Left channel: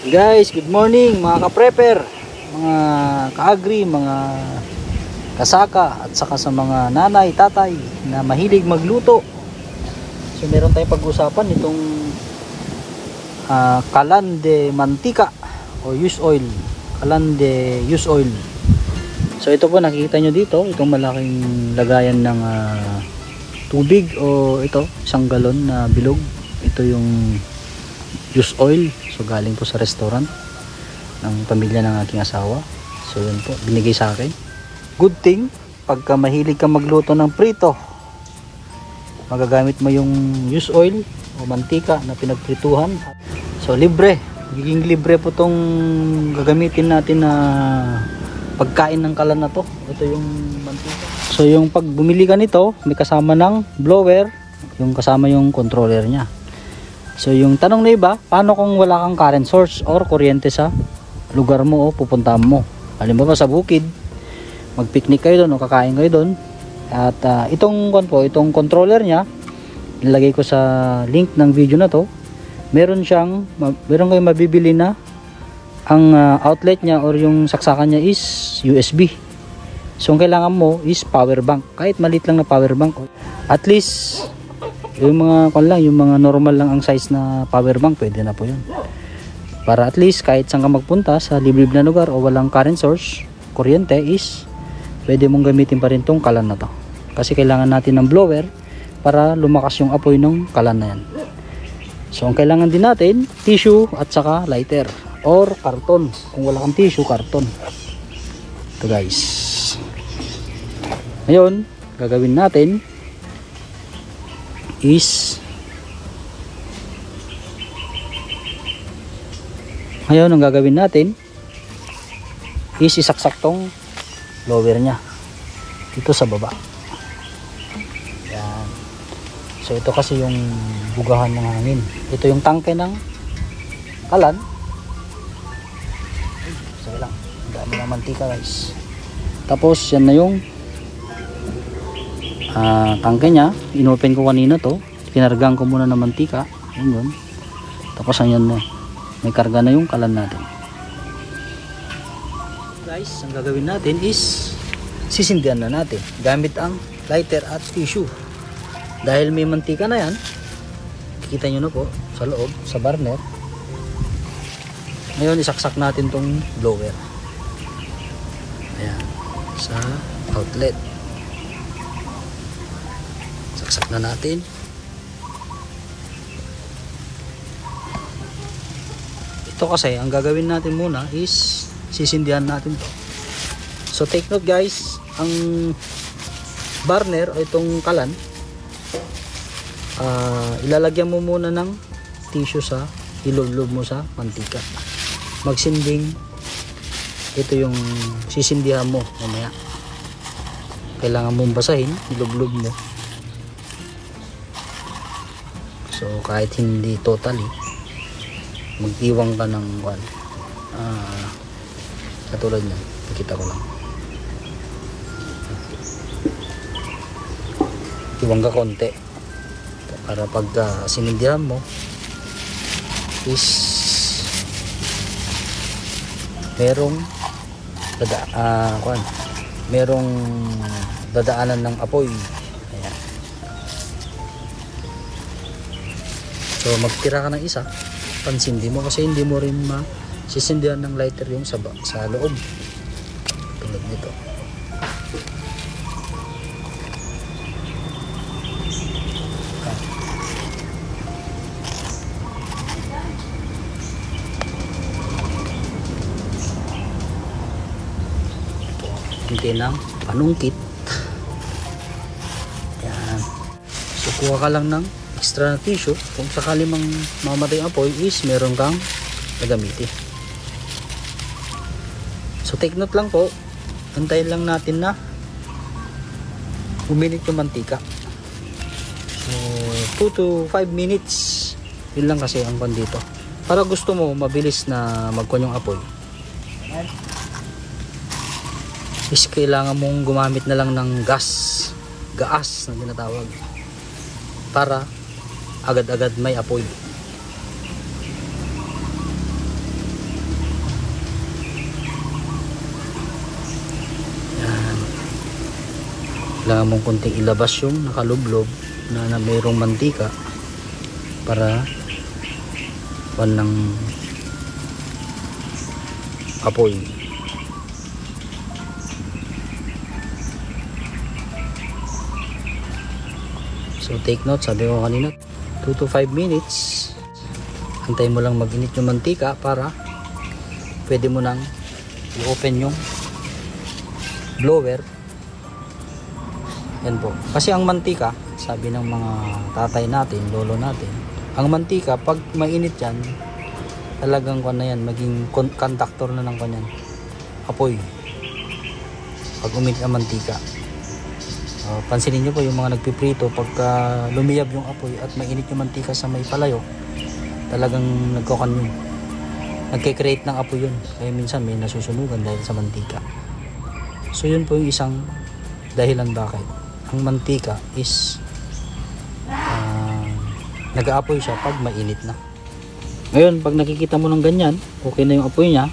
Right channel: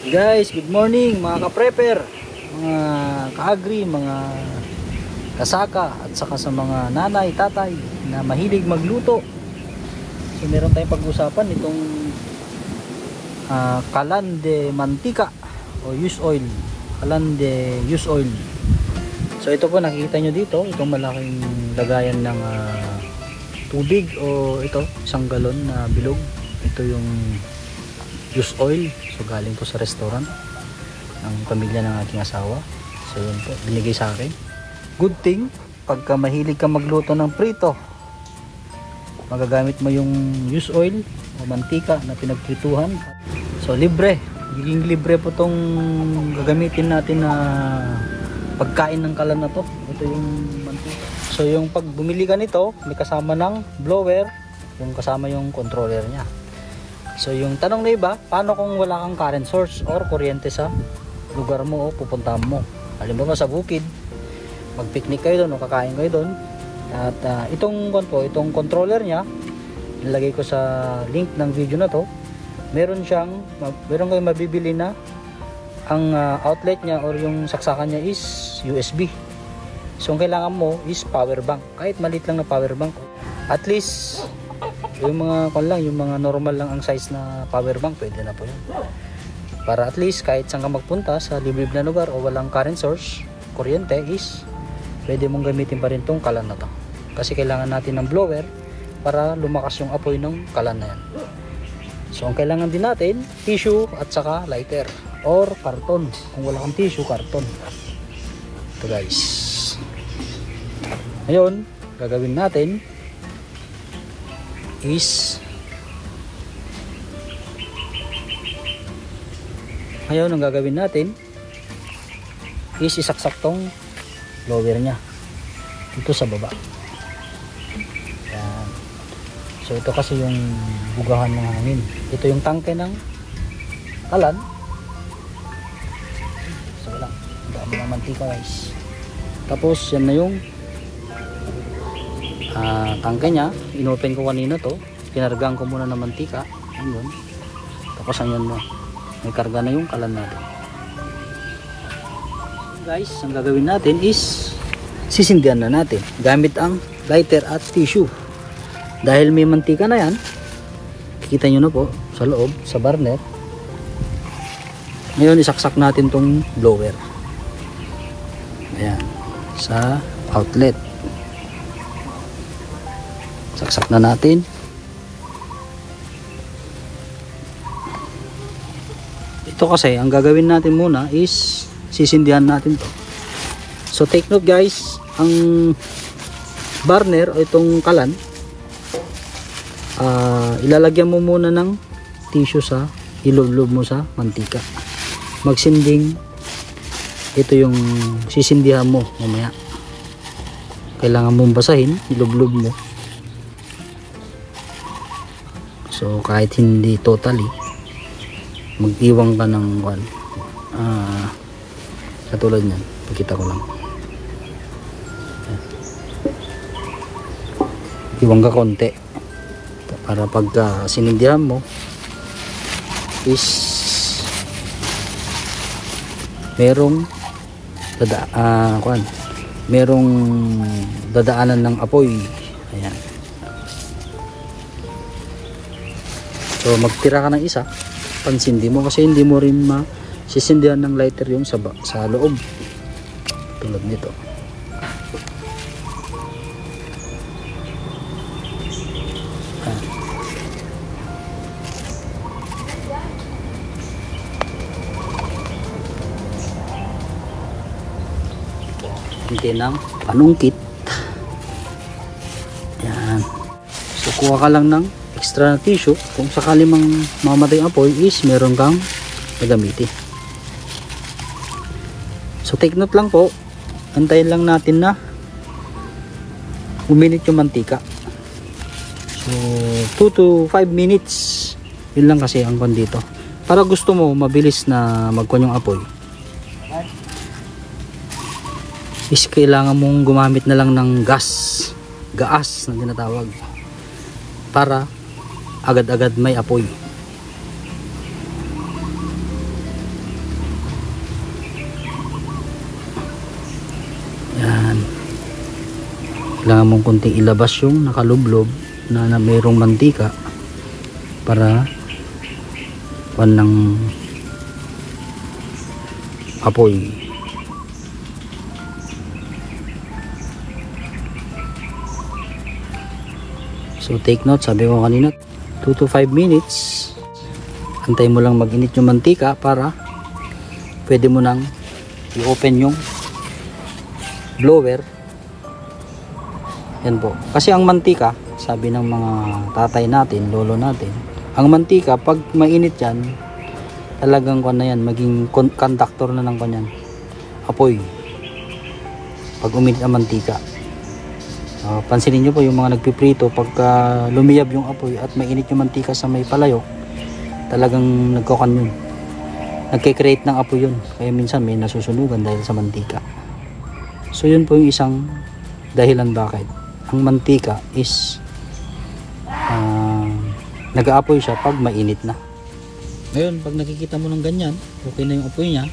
Guys, good morning mga ka-prepper, mga ka-agri, mga kasaka at saka sa mga nanay, tatay na mahilig magluto. So meron tayong pag-usapan itong kalan de mantika o use oil. Kalan de use oil. So ito po nakikita nyo dito, itong malaking lagayan ng tubig o ito, 1 galon na bilog. Ito yung use oil. So galing to sa restaurant ng pamilya ng aking asawa. So yun po, binigay sa akin. Good thing, pagka mahilig ka magluto ng prito, magagamit mo yung use oil o mantika na pinagprituhan. So libre, giging libre po tong gagamitin natin na pagkain ng kalan na to. Ito yung mantika. So yung pag bumili ka nito, may kasama ng blower, yung kasama yung controller nya. So yung tanong na iba, paano kung wala kang current source or kuryente sa lugar mo o pupuntahan mo? Halimbawa sa bukid, mag-picnic kayo doon o kakain kayo doon. At itong controller niya, nilagay ko sa link ng video na to. Meron kayong mabibili na ang outlet niya or yung saksakan niya is USB. So ang kailangan mo is power bank. Kahit maliit lang na power bank. At least yung mga normal lang ang size na power bank, pwede na po yun. Para at least kahit saan ka magpunta sa liblib na lugar o walang current source, kuryente is pwede mong gamitin pa rin tong kalan na to. Kasi kailangan natin ng blower para lumakas yung apoy ng kalan na yan. So ang kailangan din natin, tissue at saka lighter or karton. Kung wala kang tissue, karton. Ito guys. Ngayon, gagawin natin is ang gagawin natin is isaksak tong blower nya dito sa baba. Yan. So ito kasi yung bugahan ng hangin. Ito yung tangke ng kalan. So lang, ang dami ng mantika guys. Tapos yan na yung tangke nya. Inopen ko kanina to, kinargaan ko muna ng mantika. Ayun. Tapos ayan na, may karga na yung kalan natin guys. Ang gagawin natin is sisindihan na natin gamit ang lighter at tissue. Dahil may mantika na yan, kita nyo na po sa loob, sa burner. Ngayon isaksak natin tong blower, ayan, sa outlet. Saksak na natin. Ito kasi ang gagawin natin muna is sisindihan natin to. So take note guys, ang burner o itong kalan, ilalagyan mo muna ng tissue sa ilublob mo sa mantika. Magsinding, ito yung sisindihan mo mamaya. Kailangan mong basahin, ilublob mo. So kahit hindi totally, mag-iwang ka ng katulad mo, nakita ko lang. Iwang ka konti para pag sinindihan mo is merong dadaanan ng apoy. Ayan. So magtira ka ng isa, pansindi mo kasi hindi mo rin masisindihan ng lighter yung sa loob. Tulad nito. Hindi ng panungkit. Ayan. So kuha ka lang ng extra na tissue kung sakali mang mamatay ang apoy is meron kang gagamitin. So take note lang po, antayin lang natin na uminit yung mantika. So 2 to 5 minutes, yun lang kasi ang kwan dito. Para gusto mo mabilis na magkwan yung apoy is kailangan mong gumamit na lang ng gaas na tinatawag para agad-agad may apoy. kailangan mong konting ilabas yung nakalublob na mayroong mantika para ng apoy. So take note, sabi ko kanina 2 to 5 minutes. Hintayin mo lang mag-init yung mantika para pwede mo nang i-open yung blower. Yan po. Kasi ang mantika, sabi ng mga tatay natin, lolo natin, ang mantika pag mainit yan, talagang na yan, maging conductor na ng kanyan apoy pag uminit ang mantika. Pansinin nyo po yung mga nagpiprito, pagka lumiyab yung apoy at mainit yung mantika sa may palayo, talagang nagkukan yun, nagkikreate ng apoy yun, kaya minsan may nasusunugan dahil sa mantika. So yun po yung isang dahilan bakit ang mantika is nag-aapoy siya pag mainit na. Ngayon, pag nakikita mo ng ganyan, okay na yung apoy niya,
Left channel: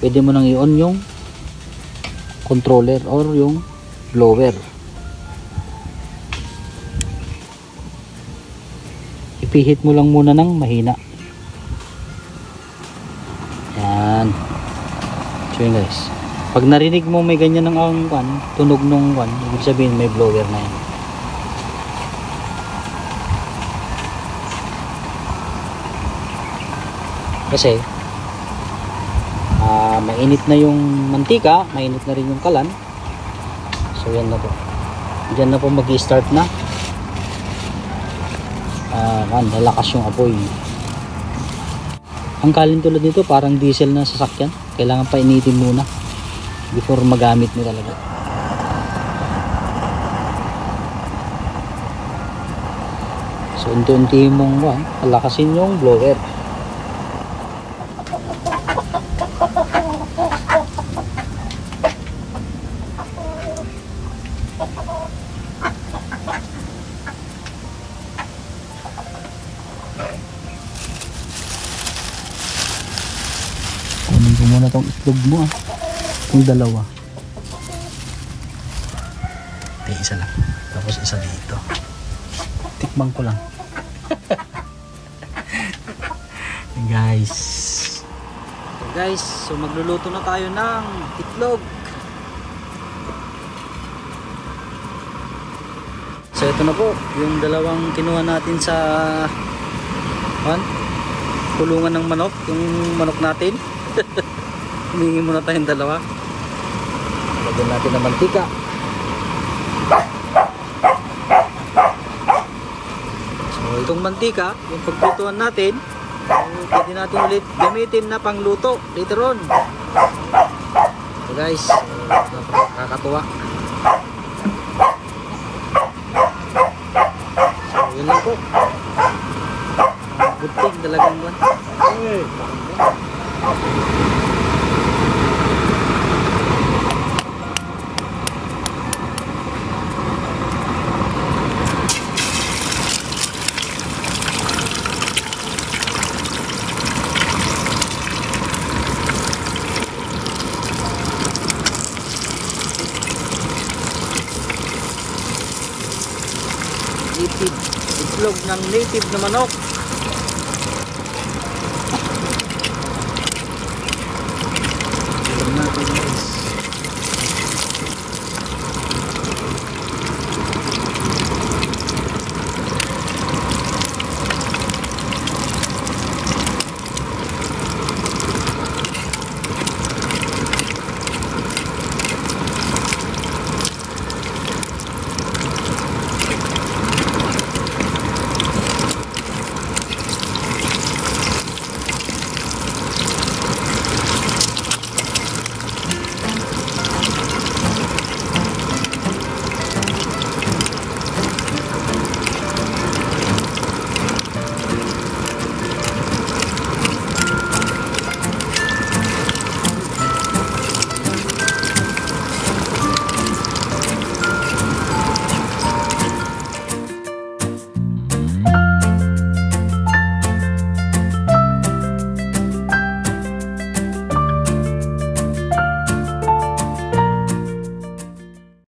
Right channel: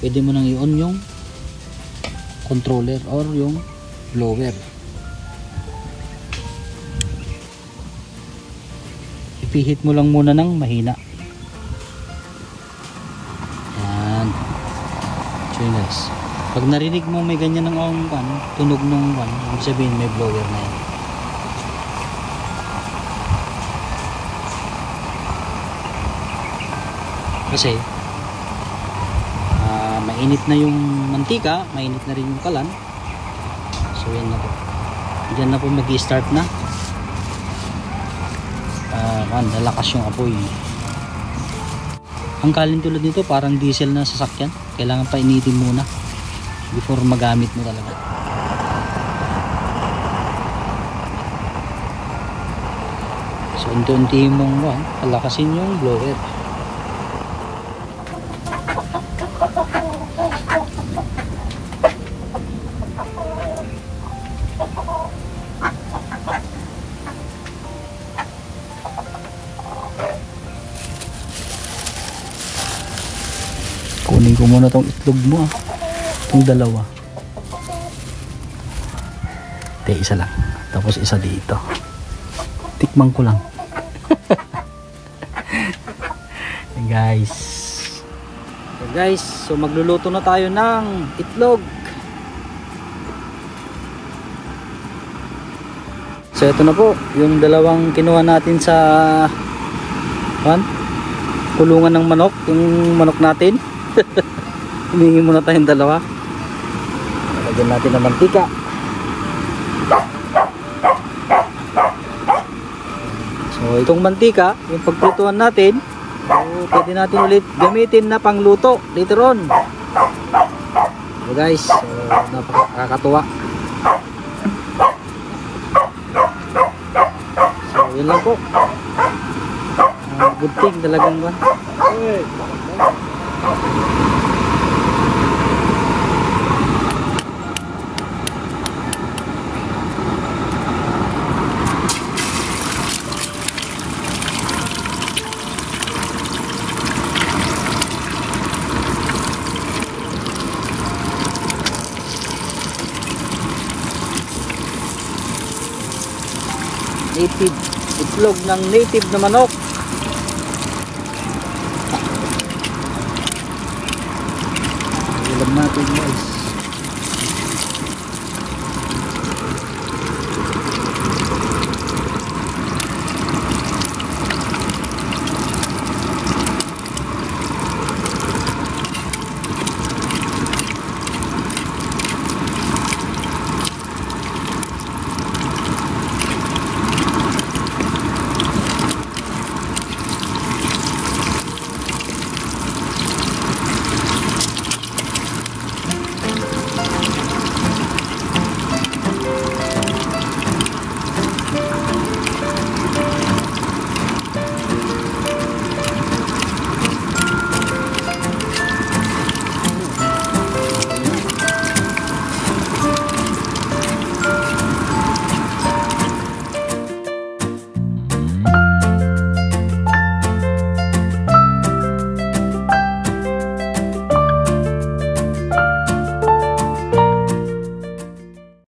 pwede mo nang i-on yung controller or yung blower. Ipihit mo lang muna ng mahina. Yan. So yun guys, pag narinig mo may ganyan ng tunog nung ibig sabihin may blower na yan. Kasi mainit na yung mantika, mainit na rin yung kalan. So yan na po, dyan na po mag-i-start na lalakas yung apoy. Ang kalan tulad nito parang diesel na sasakyan, kailangan pa initin muna before magamit mo talaga. So unti-unti mong palakasin yung blower. Kunin ko muna tong itlog mo, itong dalawa. Okay, isa lang, tapos isa dito. Tikman ko lang. Guys, so guys, so magluluto na tayo ng itlog. So ito na po yung dalawang kinuha natin sa kulungan ng manok, yung manok natin. Hindi muna tayong dalawa. Lagyan natin ng mantika. So itong mantika, yung pagplutuan natin, so, pwede natin ulit gamitin na pangluto later on. So guys, nakakatuwa. So yun lang po. Good thing talagang ba? Native itlog ng native na manok. Alam natin guys.